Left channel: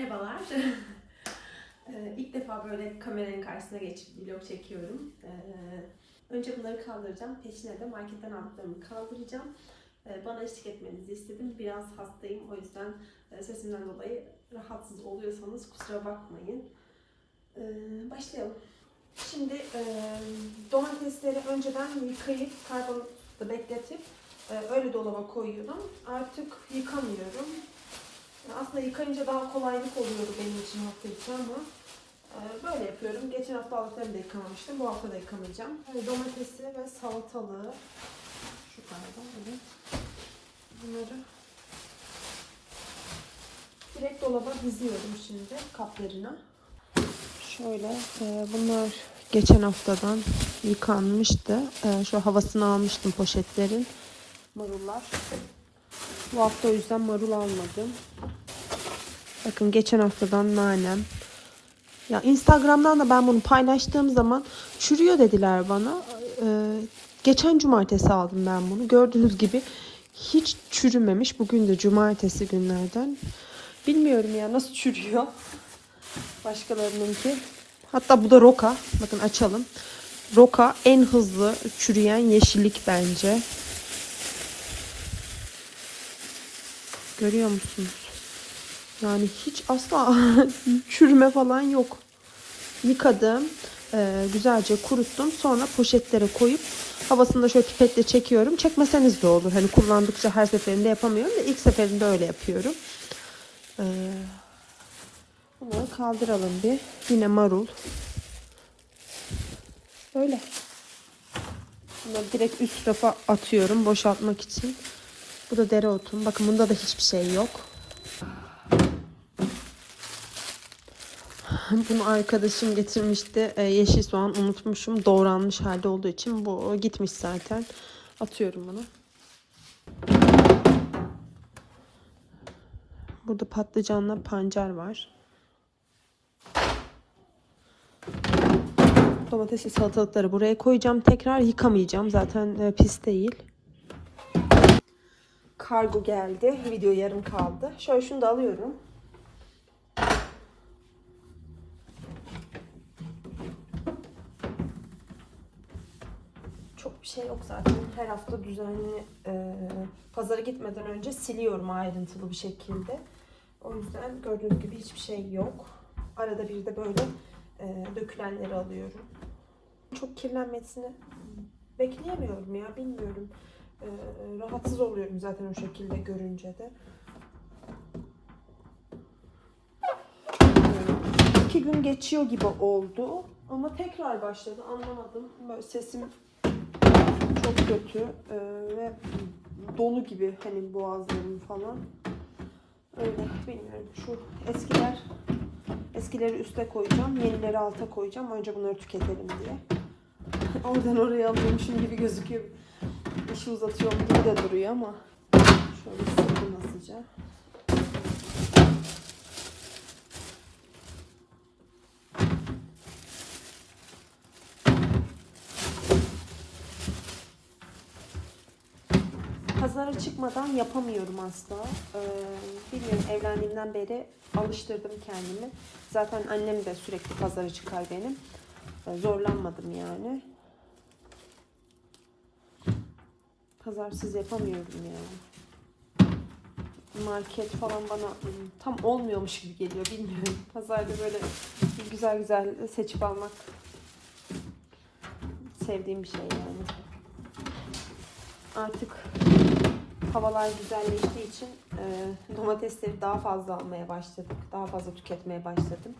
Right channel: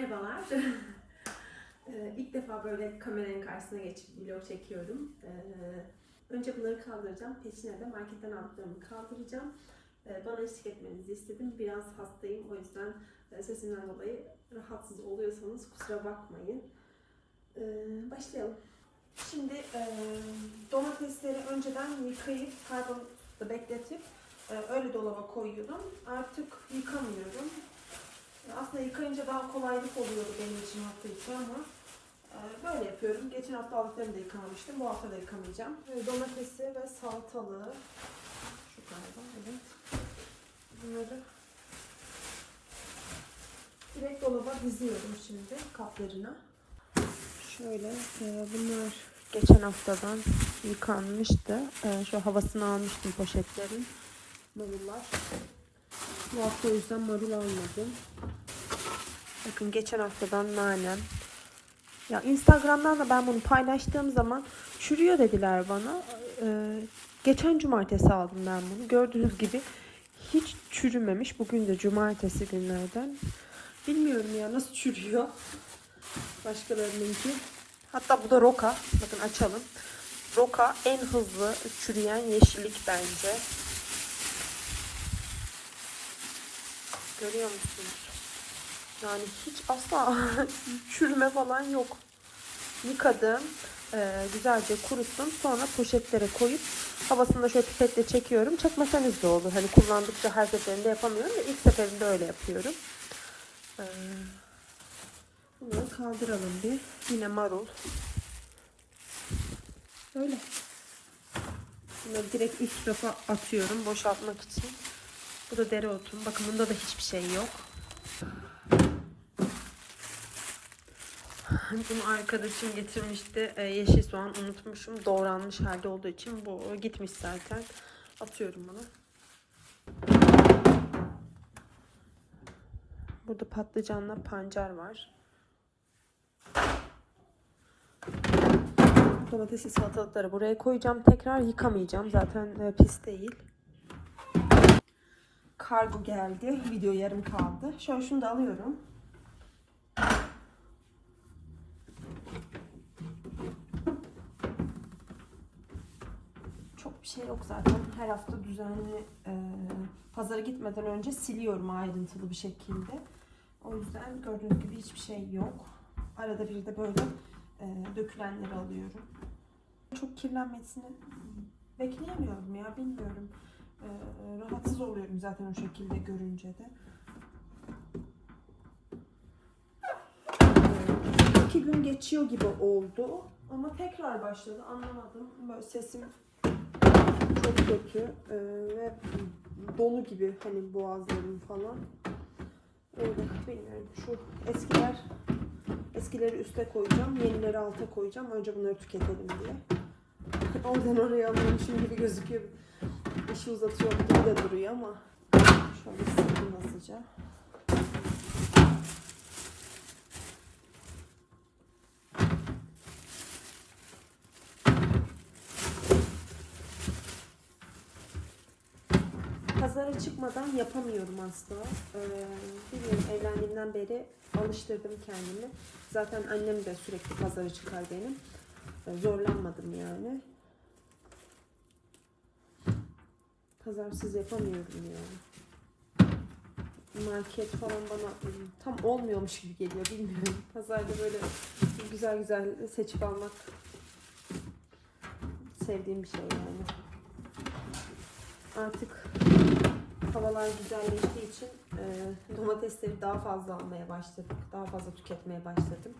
Merhabalar. Ee, İlk defa böyle kameranın karşısına geçip vlog çekiyorum. Ee, Önce bunları kaldıracağım. Peşine de marketten aldıklarımı kaldıracağım. Ee, Bana eşlik etmenizi istedim. Biraz hastayım. O yüzden e, sesimden dolayı rahatsız oluyorsanız kusura bakmayın. Ee, Başlayalım. Şimdi e, domatesleri önceden yıkayıp karbonatı bekletip e, öyle dolaba koyuyorum. Artık yıkamıyorum. Aslında yıkayınca daha kolaylık oluyordu benim için hafta içi ama e, böyle yapıyorum. Geçen hafta aldıklarımı da yıkamamıştım. Bu hafta da yıkamayacağım. E, Domatesi ve salatalığı şu galiba evet. Bunları direkt dolaba diziyorum şimdi kaplarına. Şöyle e, bunlar geçen haftadan yıkanmıştı. E, şu havasını almıştım poşetlerin. Marullar. Bu hafta o yüzden marul almadım. Bakın geçen haftadan nanem. Ya Instagram'dan da ben bunu paylaştığım zaman çürüyor dediler bana. Ee, geçen cumartesi aldım ben bunu. Gördüğünüz gibi hiç çürümemiş. Bugün de cumartesi günlerden. Bilmiyorum ya nasıl çürüyor. Başkalarınınki. Hatta bu da roka. Bakın açalım. Roka en hızlı çürüyen yeşillik bence. Görüyor musunuz? Yani hiç asla çürüme falan yok. Yıkadım. e, güzelce kuruttum. Sonra poşetlere koyup havasını da şöyle pipetle çekiyorum. Çekmeseniz de olur. Hani kullandıkça her seferinde yapamıyorum da ilk seferinde öyle yapıyorum. E, bunları kaldıralım bir. Yine marul. Öyle. Bunları direkt üst rafa atıyorum boşaltmak için. Bu da dereotum. Bakın bunda da hiçbir şey yok. Bunu arkadaşım getirmişti. Ee, yeşil soğan unutmuşum. Doğranmış halde olduğu için bu gitmiş zaten. Atıyorum bunu. Burada patlıcanla pancar var. Domatesli salatalıkları buraya koyacağım. Tekrar yıkamayacağım. Zaten e, pis değil. Kargo geldi. Video yarım kaldı. Şöyle şunu da alıyorum. Çok bir şey yok zaten. Her hafta düzenli e, pazara gitmeden önce siliyorum ayrıntılı bir şekilde. O yüzden gördüğünüz gibi hiçbir şey yok. Arada bir de böyle e, dökülenleri alıyorum. Çok kirlenmesini bekleyemiyorum ya bilmiyorum. E, rahatsız oluyorum zaten o şekilde görünce de. İki gün geçiyor gibi oldu. Ama tekrar başladı. Anlamadım. Böyle sesim çok kötü ee, ve dolu gibi hani boğazlarım falan. Öyle bilmiyorum. Şu eskiler eskileri üste koyacağım. Yenileri alta koyacağım. Önce bunları tüketelim diye. Oradan oraya alıyormuşum gibi gözüküyor. İşi uzatıyorum gibi de duruyor ama şöyle sıkı nasılca. Pazara çıkmadan yapamıyorum asla. Ee, bilmiyorum evlendiğimden beri alıştırdım kendimi. Zaten annem de sürekli pazara çıkar benim. Ee, zorlanmadım yani. Pazarsız yapamıyorum yani. Market falan bana ım, tam olmuyormuş gibi geliyor bilmiyorum. Pazarda böyle güzel güzel seçip almak sevdiğim bir şey yani. Artık havalar güzelleştiği için e, domatesleri daha fazla almaya başladık. Daha fazla tüketmeye başladım.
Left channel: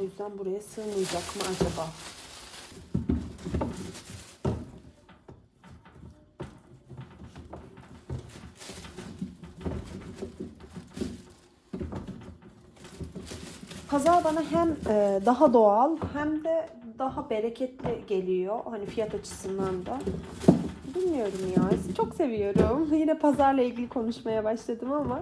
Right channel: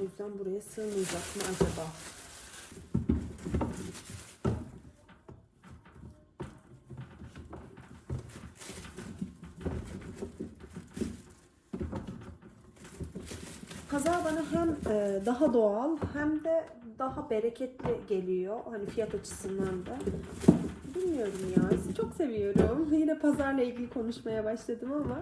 O yüzden buraya sığmayacak mı acaba? Pazar bana hem e, daha doğal hem de daha bereketli geliyor. Hani fiyat açısından da. Bilmiyorum ya. Çok seviyorum. Yine pazarla ilgili konuşmaya başladım ama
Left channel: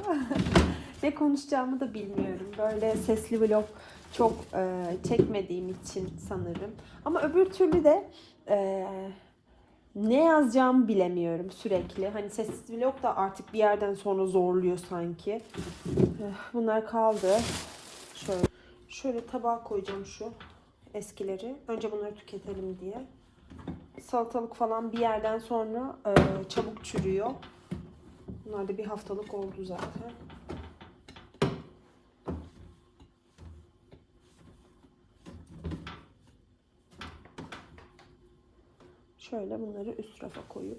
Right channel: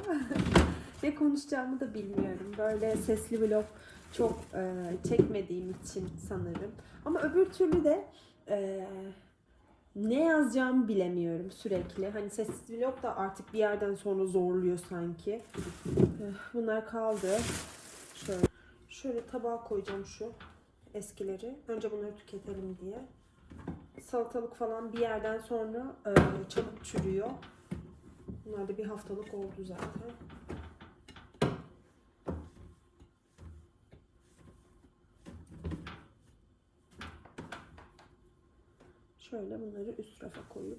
ne konuşacağımı da bilmiyorum. Böyle sesli vlog çok e, çekmediğim için sanırım. Ama öbür türlü de e, ne yazacağımı bilemiyorum sürekli. Hani sessiz vlog da artık bir yerden sonra zorluyor sanki. Eh, Bunlar kaldı. Şöyle, şöyle tabağa koyacağım şu eskileri. Önce bunları tüketelim diye. Salatalık falan bir yerden sonra e, çabuk çürüyor. Bunlar da bir haftalık oldu zaten. Şöyle bunları üst rafa koyup.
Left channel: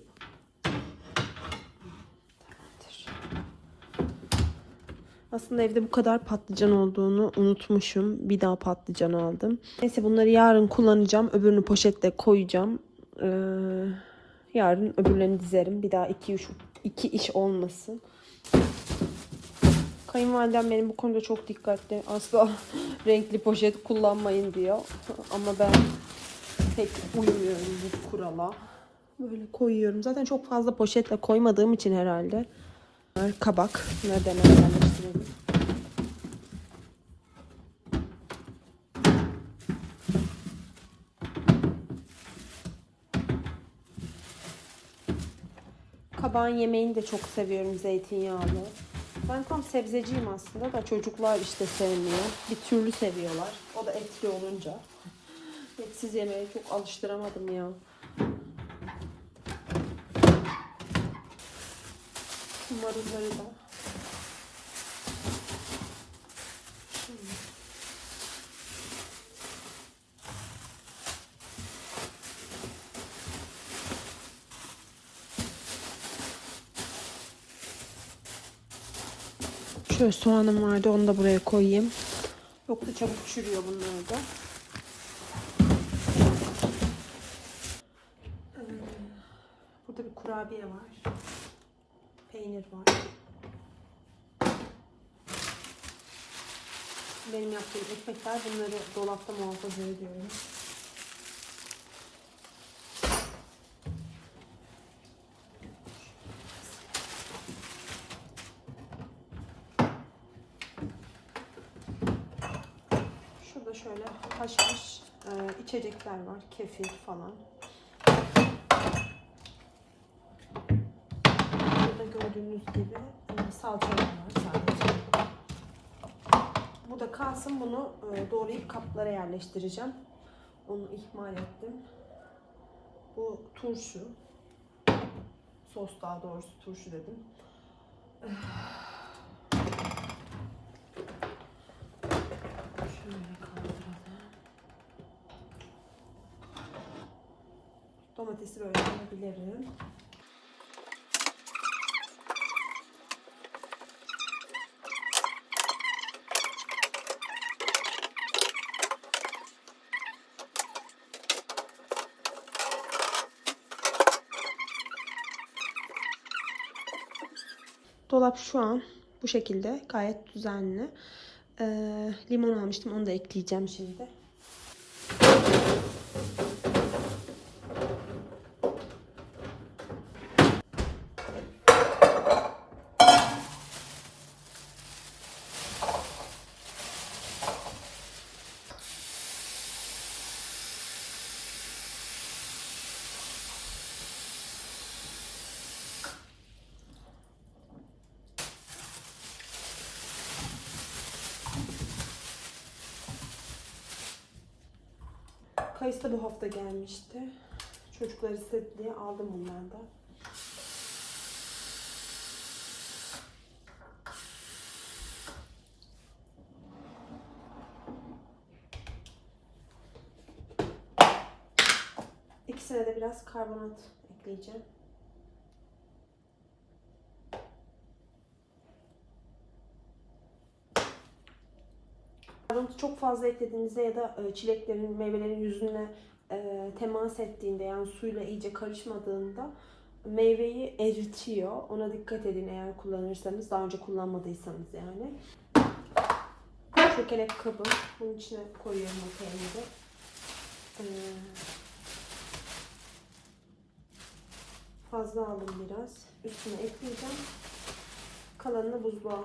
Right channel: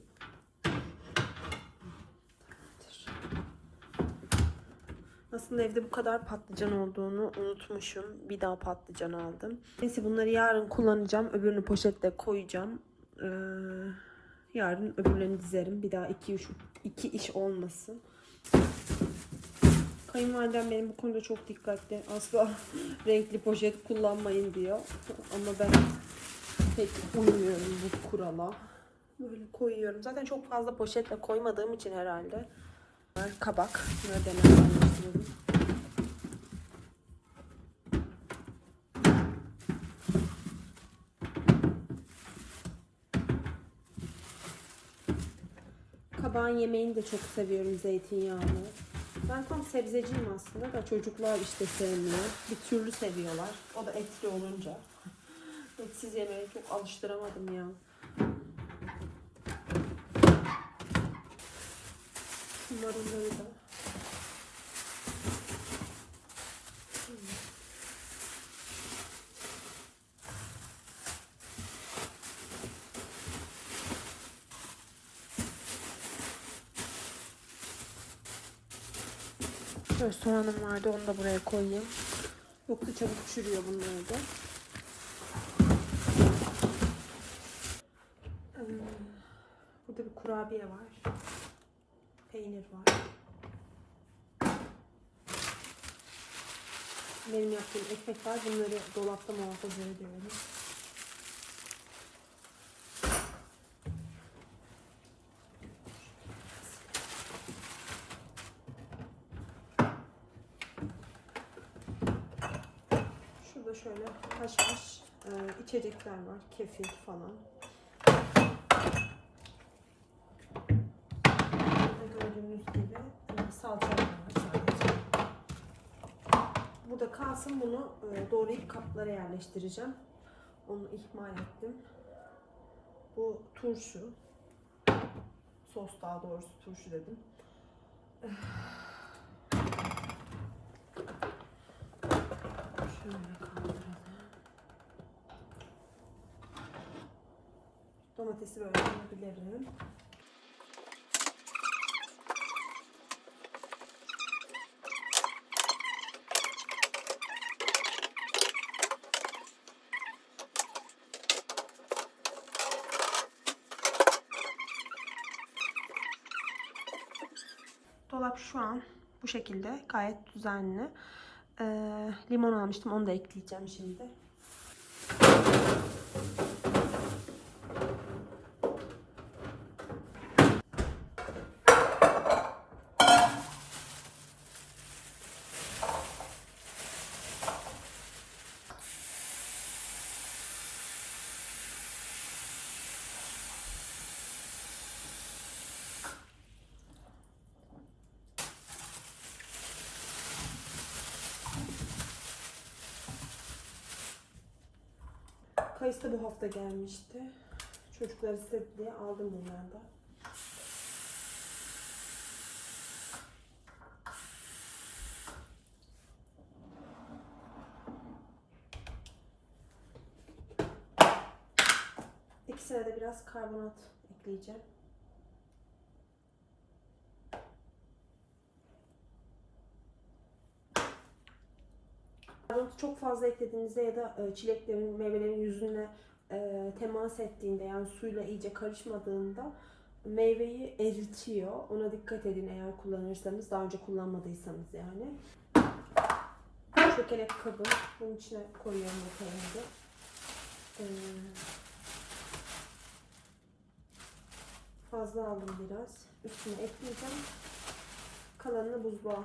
Aslında evde bu kadar patlıcan olduğunu unutmuşum. Bir daha patlıcan aldım. Neyse bunları yarın kullanacağım. Öbürünü poşette koyacağım. Ee, yarın öbürlerini dizerim. Bir daha iki iş, iki iş olmasın. Kayınvalidem benim bu konuda çok dikkatli. Asla renkli poşet kullanmayın diyor. Ama ben pek uymuyorum bu kurala. Böyle koyuyorum. Zaten çok fazla poşetle koymadığım için herhalde. Kabak. Nereden yerleştirelim? Kabağın yemeğini de çok seviyorum zeytinyağlı. Ben tam sebzeciyim aslında da çocuklar işte sevmiyor. Bir türlü seviyorlar. O da etli olunca. Etsiz yemeğe çok alıştıramadım ya. Marulları da. Şöyle soğanım vardı onu da buraya koyayım. Yoksa çabuk çürüyor bunlar da. Ee, Burada bir kurabiye var. Peynir var. Benim yaptığım ekmekler bunları dolapta muhafaza ediyorum. Şurada haşhaş e, içecekler var. Kefir falan. Burada gördüğünüz gibi e, salçalar var sadece. Burada kalsın bunu e, doğrayıp kaplara yerleştireceğim. Onu ihmal ettim. Bu turşu. Sos daha doğrusu turşu dedim. Şöyle kaldıralım. Domatesi böyle. Dolap şu an bu şekilde gayet düzenli. Ee, limon almıştım onu da ekleyeceğim şimdi. Kayısı da bu hafta gelmişti. Çocuklar istedi diye aldım bunlardan. İkisine de biraz karbonat ekleyeceğim. Çok fazla eklediğinizde ya da e, çileklerin, meyvelerin yüzüne e, temas ettiğinde yani suyla iyice karışmadığında meyveyi eritiyor. Ona dikkat edin eğer kullanırsanız. Daha önce kullanmadıysanız yani. Çökelek kabım. Bunun içine koyuyorum o peyniri. Ee, fazla aldım biraz. Üstüne ekleyeceğim. Kalanını buzluğa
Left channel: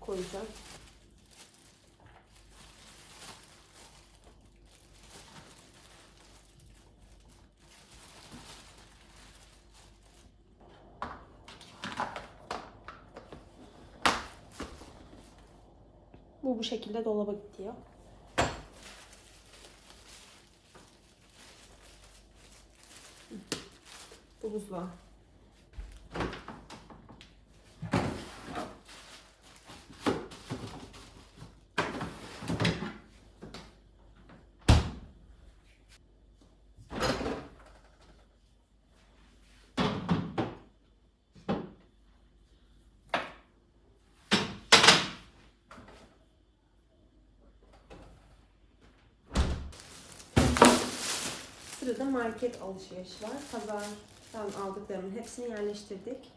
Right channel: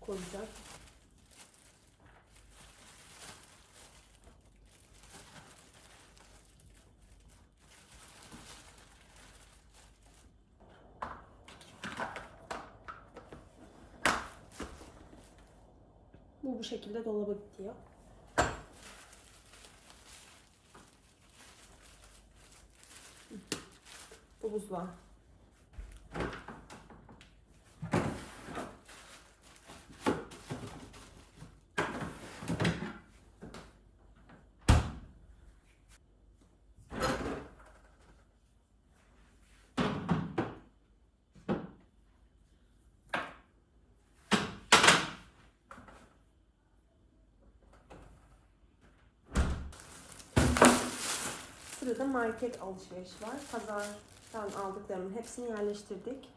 koyacağım. Bu bu şekilde dolaba gidiyor. Bu buzluğa. Sırada market alışveriş var. Pazardan aldıklarımın hepsini yerleştirdik.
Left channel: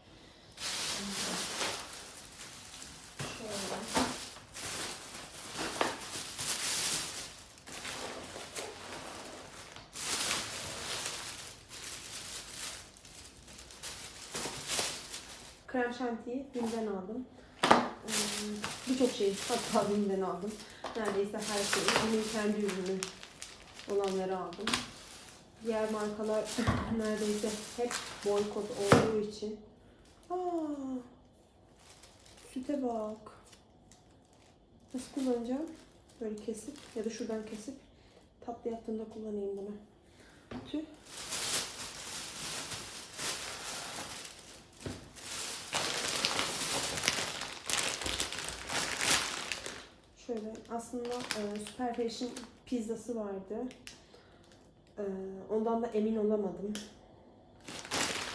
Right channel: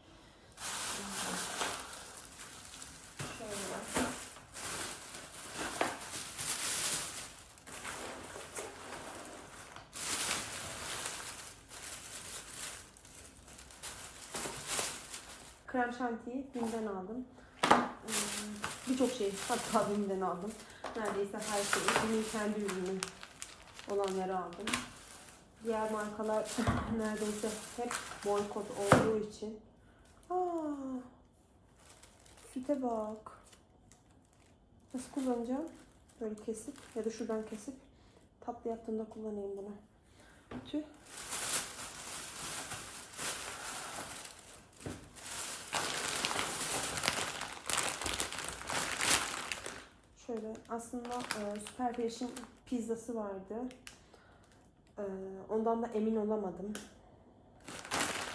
Şöyle. Krem şantiyi Bim'den aldım. Ee, Birçok şey hatta Bim'den aldım. Neredeyse her şeyi. Benim kendi ürünüm olanları aldım. Diğer markalar neredeyse hep boykot olduğu için. Aa, süte bak. Nasıl kullanacağım? Böyle kesip ya da şuradan kesip tatlı yaptığımda kullanayım bunu. Tüh. Şöyle aslında e, Super Fresh'in pizzası vardı. E, ondan da emin olamadım.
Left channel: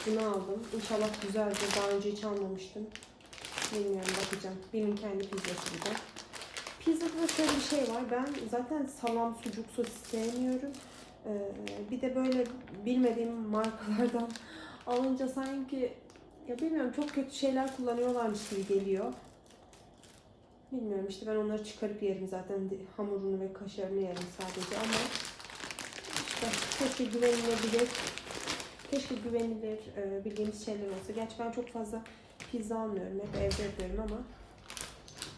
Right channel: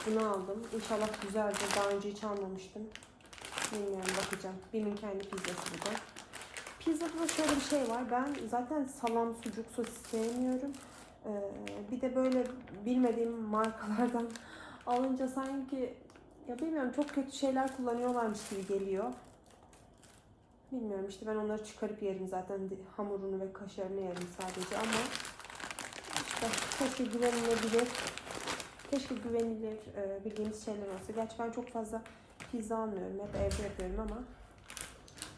Bunu aldım. İnşallah güzeldir. Daha önce hiç almamıştım. Bilmiyorum bakacağım. Benim kendi pizzası bu da. Pizzada da şöyle bir şey var. Ben zaten salam, sucuk, sosis sevmiyorum. E, bir de böyle bilmediğim markalardan alınca sanki ya bilmiyorum çok kötü şeyler kullanıyorlarmış gibi geliyor. Bilmiyorum işte ben onları çıkarıp yerim zaten hamurunu ve kaşarını yerim sadece ama işte keşke güvenilebilir keşke güvenilir e, bildiğimiz şeyler olsa. Gerçi ben çok fazla pizza almıyorum hep evde yapıyorum ama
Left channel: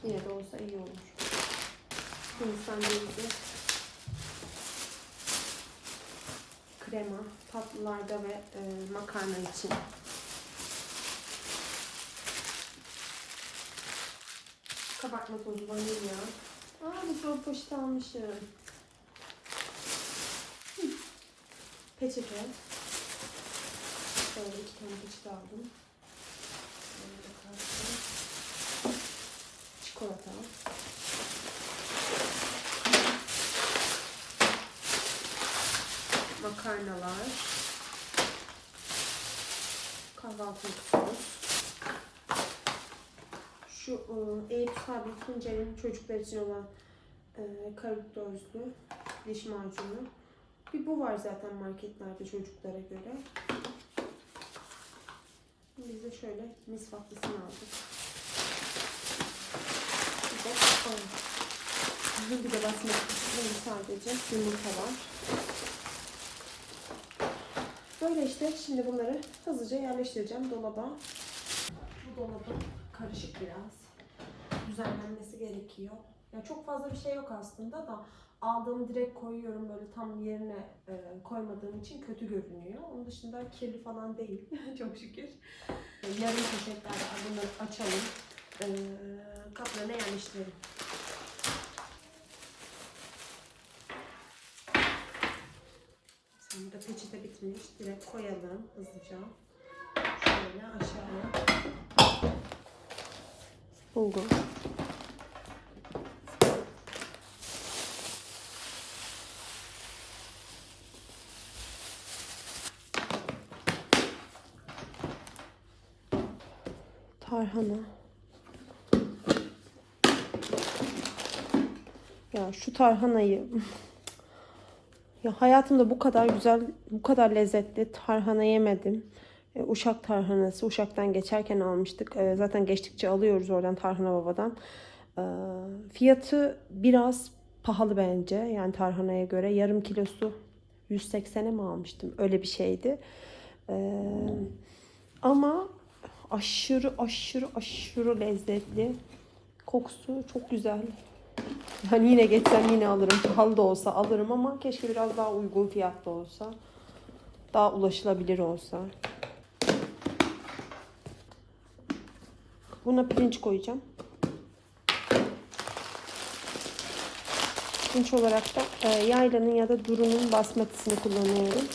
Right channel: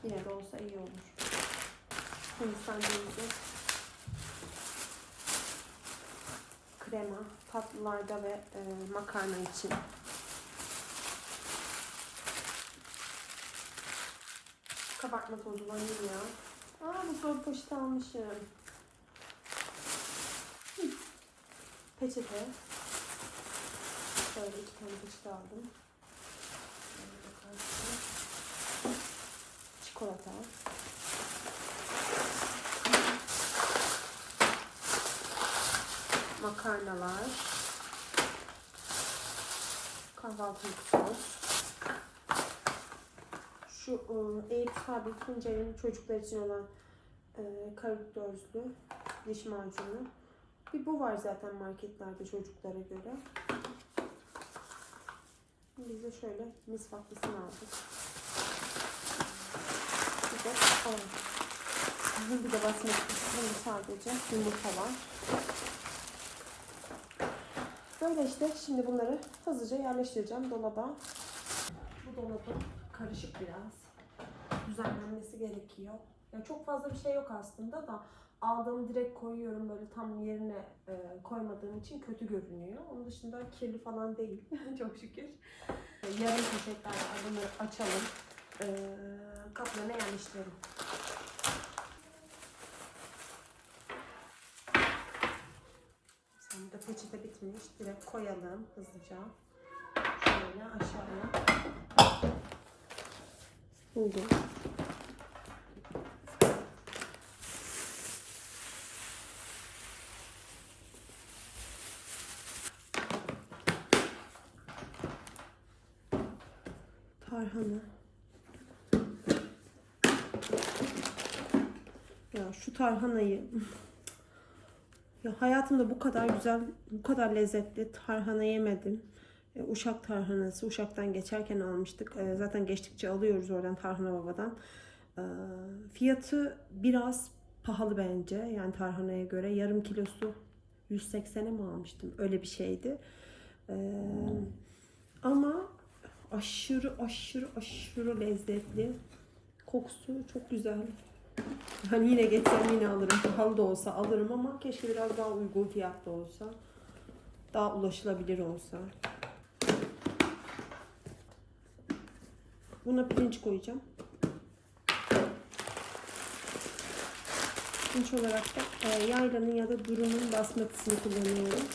yine de olsa iyi olur. Hindistan cevizi krema tatlılarda ve e, makarna için Kabartma tozu vanilya. Aa bu son poşet almışım. Peçete. Şöyle iki tane peçete aldım. Çikolata. Makarnalar. Kahvaltılık sos şu e, Eyüp Sabit Tuncer'in çocuklar için olan e, karakterli diş macunu. Bir bu var zaten marketlerde çocuklara göre. Biz de şöyle misvaklısını aldık. Bir de o. Bir de basmak bunu sadece yumurta var. Böyle işte şimdi bunları hızlıca yerleştireceğim dolaba. Bu dolabın karışık biraz. Düzenlenmesi gerekiyor. Ya çok fazla bir şey yok aslında da aldığım direkt koyuyorum böyle tam yerine e, koymadığım için kötü görünüyor. Onun dışında kirli falan değil çok şükür. E, yarım poşetler var. Bunları açalım. E, kaplarına yerleştirelim. Şimdi de peçete bitmiş. Direkt koyalım hızlıca. Şöyle aşağıya. Bulgur. Tarhana. Ya şu tarhanayı ya hayatımda bu kadar güzel, bu kadar lezzetli tarhana yemedim. E, Uşak tarhanası. Uşak'tan geçerken almıştık. E, zaten geçtikçe alıyoruz oradan Tarhana Baba'dan. E, fiyatı biraz pahalı bence. Yani tarhanaya göre. Yarım kilosu 180'e mi almıştım? Öyle bir şeydi. E, ama aşırı aşırı aşırı lezzetli. Kokusu çok güzel. Ben yine geçsem yine alırım. Pahalı da olsa alırım ama keşke biraz daha uygun fiyatlı olsa. Daha ulaşılabilir olsa. Buna pirinç koyacağım. Pirinç olarak da e, yaylanın ya da durunun basmatisini kullanıyorum.